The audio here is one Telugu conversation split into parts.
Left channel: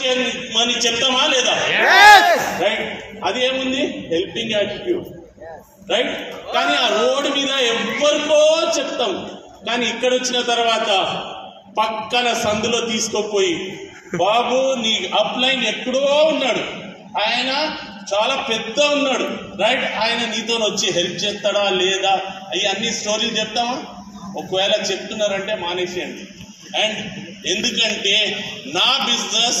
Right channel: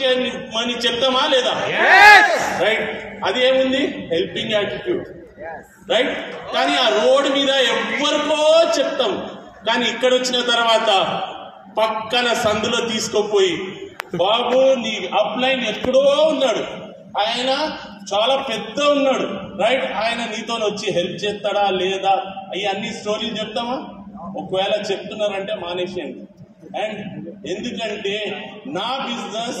చేయమని చెప్తామా లేదా? రైట్. అది ఏముంది? Helping attitude. రైట్. కానీ ఆ రోడ్డు మీద ఎవరికో చెప్తాం, కానీ ఇక్కడ వచ్చిన తర్వాత పక్కన సందులో తీసుకోపోయి, బాబు నీ అప్లైన్ ఎక్కడో ఉన్నాడు, ఆయన చాలా పెద్ద ఉన్నాడు, రైట్, ఆయన నీతో వచ్చి హెల్ప్ చేస్తాడా లేదా, అవి అన్ని స్టోరీలు చెప్తామా? ఒకవేళ చెప్తున్నారంటే మానేసేయండి. అండ్ ఎందుకంటే నా బిజినెస్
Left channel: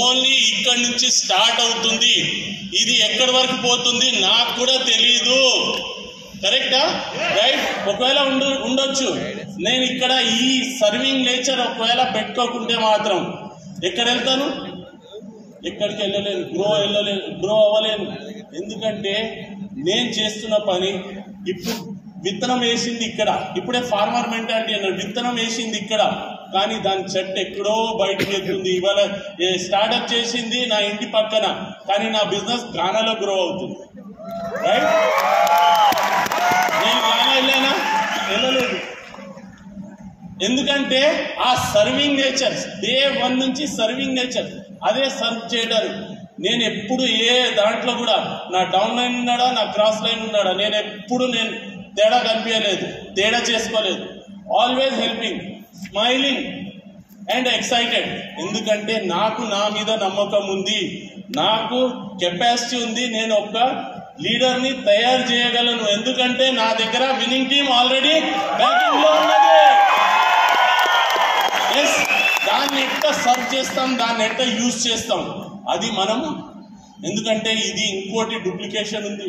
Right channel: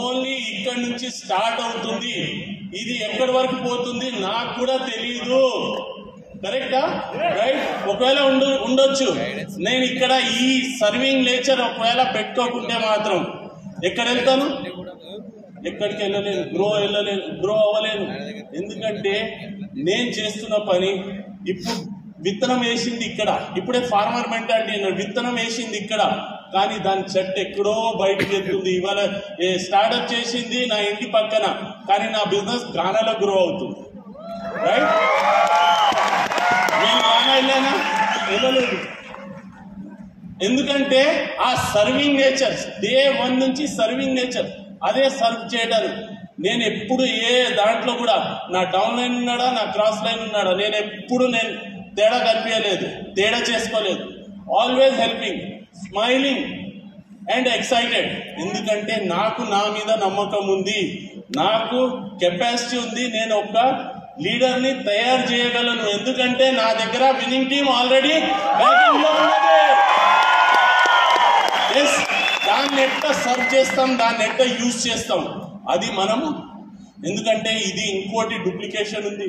ఓన్లీ ఇక్కడి నుంచి స్టార్ట్ అవుతుంది, ఇది ఎక్కడి వరకు పోతుంది నాకు కూడా తెలియదు. కరెక్టా? రైట్. ఒకవేళ ఉండొచ్చు, నేను ఇక్కడ ఈ సర్వింగ్ నేచర్ ఒకవేళ పెట్టుకోకుంటే మాత్రం ఎక్కడ వెళ్తాను? ఎక్కడికి వెళ్ళలేను, గ్రో అవ్వలేను. ఎందుకంటే నేను చేస్తున్న పని ఇప్పుడు విత్తనం వేసింది ఇక్కడ, ఇప్పుడే ఫార్మర్ మెంటాలిటీ అన్నాడు, విత్తనం వేసింది ఇక్కడ, కానీ దాని చెట్టు ఎక్కడో బయటకు వెళ్తుంది. ఇవాళ స్టార్ట్అప్ చేసింది నా ఇంటి పక్కన, కానీ నా బిజినెస్ గానాలో గ్రో అవుతుంది. రైట్. నేను గానా వెళ్ళానా? వెళ్ళలేదు. ఎందుకంటే ఆ సర్వింగ్ నేచర్, డే 1 నుంచి సర్వింగ్ నేచర్, అదే సర్వ్ చేయడానికి. నేను ఎప్పుడు ఏ దాంట్లో కూడా నా డౌన్ లైన్ ఉన్నాడా, నా క్రాస్ లైన్ ఉన్నాడా, నేను ఎప్పుడు తేడా కనిపించలేదు, తేడా చేసుకోలేదు. Always helping, smiling and excited. ఎందుకంటే నాకు నా మీద నమ్మకం ఉంది, నాకు కెపాసిటీ ఉంది, నేను ఒక లీడర్ని తయారు చేయగలను. ఎందుకంటే నా దగ్గర విన్నింగ్ టీమ్ ఆల్రెడీ బ్యాటింగ్ లో ఉన్నది. దాన్ని ఎట్లా సర్వ్ చేస్తాం, దాన్ని ఎట్లా యూజ్ చేస్తాం, అది మనము. ఎందుకంటే ఇది ఇంకోటి డూప్లికేషన్ ఉంది.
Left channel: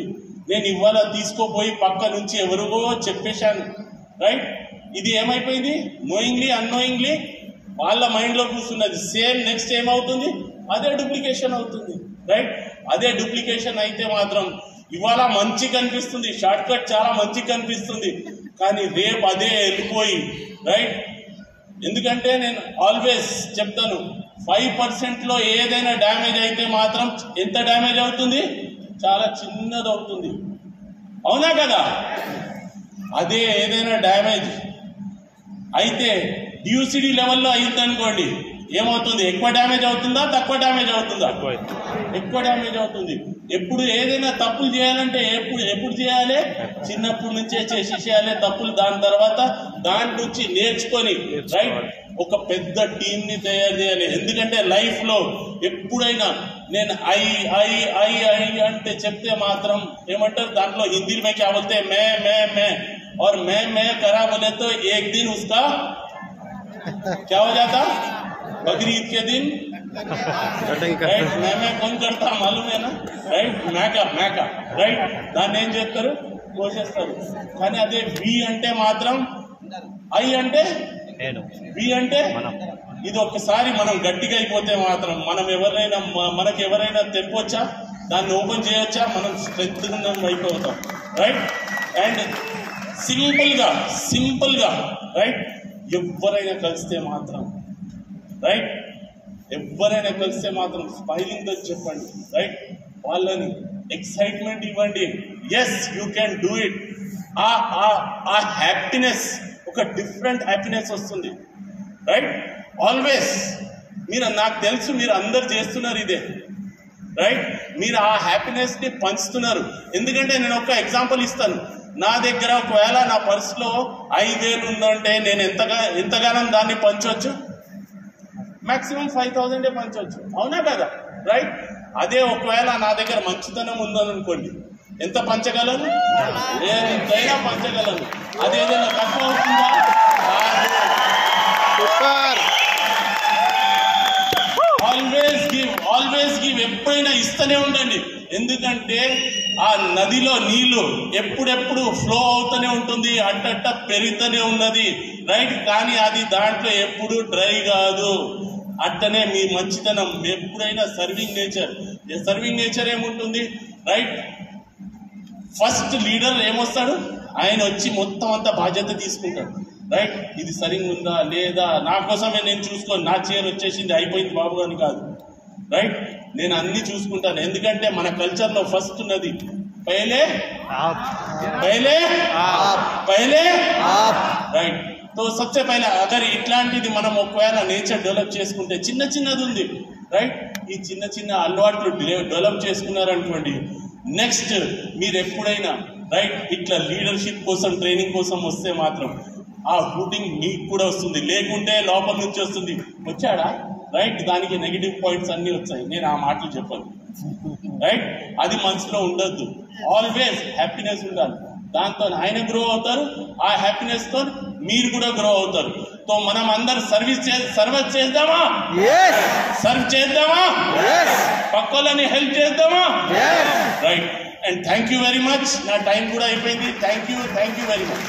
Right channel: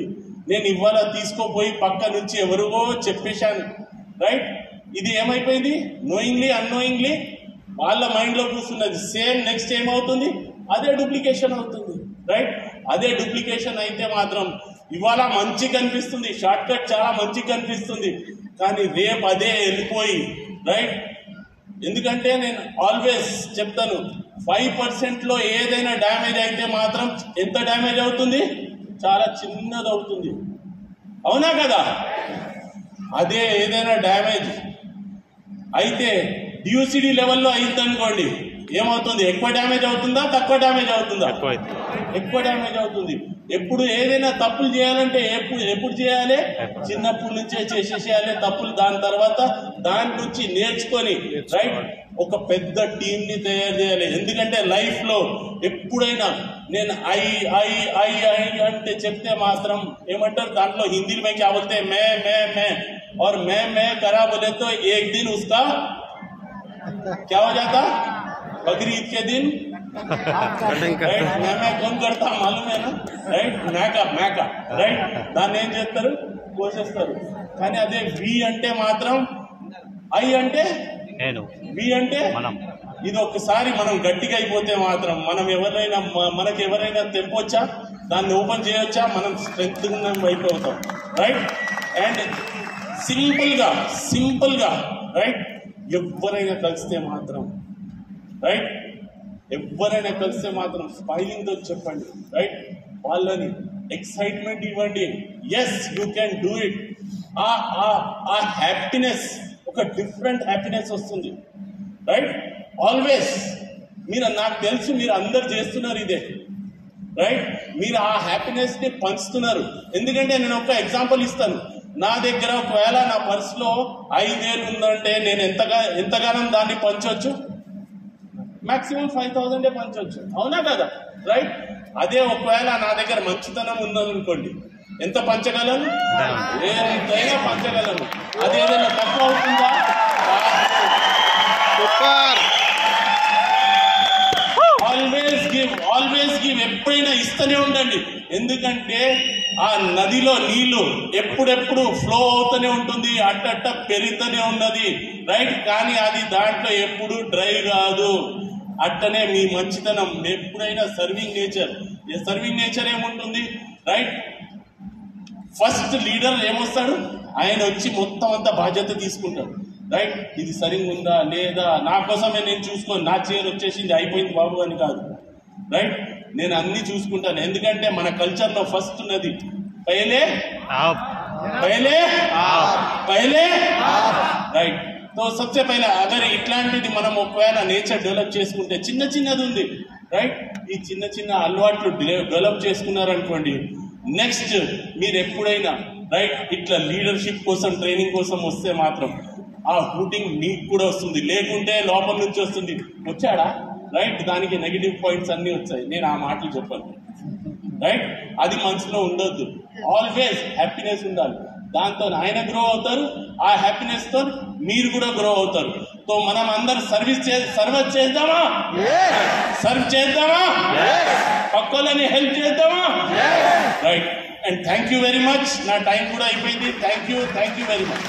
నేను ఇవాళ తీసుకోపోయి పక్క నుంచి ఎవరికో చెప్పేశాను, రైట్. ఇది ఏమైపోయింది? నోయింగ్లీ అన్నోయింగ్లీ వాళ్ళ మైండ్లో కూర్చున్నది. సేమ్ నెక్స్ట్ ఏమవుతుంది? అదే డూప్లికేషన్ అవుతుంది. రైట్. అదే డూప్లికేషన్ అయితే మాత్రం ఇవాళ మంచి కనిపిస్తుంది, షార్ట్ కట్ చాలా మంచి కనిపిస్తుంది, కానీ రేపు అదే వెళ్ళిపోయి, రైట్. ఎందుకంటే నేను ఆల్వేస్ చెప్తాను, 5%లో ఏదైనా డ్యామేజ్ అయితే మాత్రం ఎంత డ్యామేజ్ అవుతుంది? చాలా చిన్నది అవుతుంది. అవునా కదా? అదే ఏదైనా డ్యామేజ్ అయితే డ్యూసిటీ లెవెల్లో అయిందనుకోండి, ఏమవుతుంది? ఎక్కువ డ్యామేజ్ అవుతుందా, తక్కువ డ్యామేజ్ అవుతుందా? ఎక్కువ డ్యామేజ్ అవుతుంది. ఎప్పుడు ఏదైనా తప్పులు చేయాలంటే ఎప్పుడు చేయాలి? చిన్నప్పటి నుంచే చేసేసేయాలి తప్పులు. దాని తర్వాత దాని నుంచి నేర్చుకొని, రైట్, ఒక పెద్ద టీం ని తయారు చేయాలి. ఎందుకంటే లైఫ్ లో ఎప్పుడైనా నేను ఐ ఐ ఐ ఐ అంటే చెప్తే మాత్రం ఏమంటారు, దాంట్లో హిందీ में क्या बोलते हैं, मैं और मैं करा बोले तो एक दिन उसका क्या हो जाता? बकरीद के दिन मैं कौन करता मालूम है ना, రైట్. మేక రైట్. దాన్ని ఏం చేస్తారు? కోసేస్తారు. కానీ అదే వి అంటే మాత్రం, ఐ అంటే వి అంటే, ఇది ఒక్కసారి మనం గట్టిగా అయిపోతే మాత్రం మనకి ఎవరైనా తెంపొచ్చా, దాన్ని ఓపెన్ చేయొచ్చా, మనం స్ట్రెంత్ అయిపోతాం. రైట్. అండ్ సింపుల్గా రైట్, ఎవరైనా కలిస్తే మాత్రం, రైట్, ఎవరైనా కలిస్తే మాత్రం స్మైలింగ్తో చెప్పండి, రైట్. వాళ్ళని ఎక్సైట్మెంట్ ఇవ్వండి. Yes, you can do it. ఆ హ్యాపీనెస్, ఒక డిఫరెంట్ హ్యాపీనెస్ వస్తుంది, రైట్. ఆల్వేస్ నాకు తెలుసు మీరు అందరు చేస్తున్నారు ఇదే, రైట్. మీరు ఆ హ్యాపీనెస్ ని పంచుతున్నారు. ఎందుకంటే నేను ఒక ఎగ్జాంపుల్ ఇస్తాను. నా దగ్గర ఒకవేళ నా పర్సులో 5,000 ఉందంటే నేను ఎంతగానో దాన్ని పంచవచ్చు? మాక్సిమం 5,000 పంచవచ్చు. అవునా కదా? రైట్. అదే ఒకవేళ నా దగ్గర మంచితనం ఉందనుకోండి, ఎంత పంచగలను? ఎంతైనా పంచగలను. అదేదైనా తక్కువ అవుతుందా? Always give. ఎప్పుడైనా ఇస్తూనే ఉండండి. ఎందుకంటే ఆ నదిలో నీళ్లు ఎప్పుడెప్పుడు ఫ్లో అవుతూనే ఉంటుంది, అట్ట పెరుగుతూనే ఉన్నది, రైట్. కానీ అది దాంట్లో ఎప్పుడు డ్రై కాదు. అట్టనే మీ మంచితనం ఎప్పుడైనా సర్వింగ్ నేచర్ ఏముంటుంది, రైట్. ఫస్ట్ లీడర్ ఏమొస్తాడు? ఆయన వచ్చి మొత్తం అంతా బాధ్యత తీసుకుంటాడు, రైట్. ఇది సరిగ్గా ఉందా లేదా, నా కోసమే నేను చూసుకొని, నా చైర్ వచ్చేసింది అయిపోయింది బాబు అని కాదు, రైట్. నేను అన్ని చూసుకుంటాను. ఎందుకంటే మన కల్చర్లో ఫస్ట్ ఉన్నది పహలే రైట్. तो सबसे पहले अगर इట్లాంటిది మనం ఒకవేళ నేచర్ డెవలప్ చేసుకుంటే, చిన్నది ఉంది, రైట్? ఈ చిన్న చిన్న అలవాట్లు డెవలప్ చేసుకున్నారనుకోండి, నెక్స్ట్ మీరు ఎప్పుడైనా రైట్ ఇట్లా లీడర్షిప్ కోసం ట్రైనింగ్ కోసం వస్తే మాత్రం ఆ హూటింగ్ మీకు కూడా వస్తుంది, లేకుంటే లోపల నుంచి వస్తుంది. వచ్చాడా రైట్, దానికి నెగిటివ్ పాయింట్స్ అన్ని వచ్చాయి, నేను ఆ మాటలు చెప్పాను రైట్. అది మనసులో ఉండొద్దు, ఆల్వేస్ హ్యాపీనెస్ ఉండాలి. దాంతో ఆయన గ్రో అవుతారు, ఆ హ్యాపీనెస్ తో మీరు కూడా గ్రో అవుతారు. సో మనం అందరు సర్వ్ చేద్దామా, సర్వ్ చేద్దామా, పక్కలని హెల్ప్ చేద్దామా, right. And thank you very much. నా టైం కూడా అయిపోయింది. Thank you very much.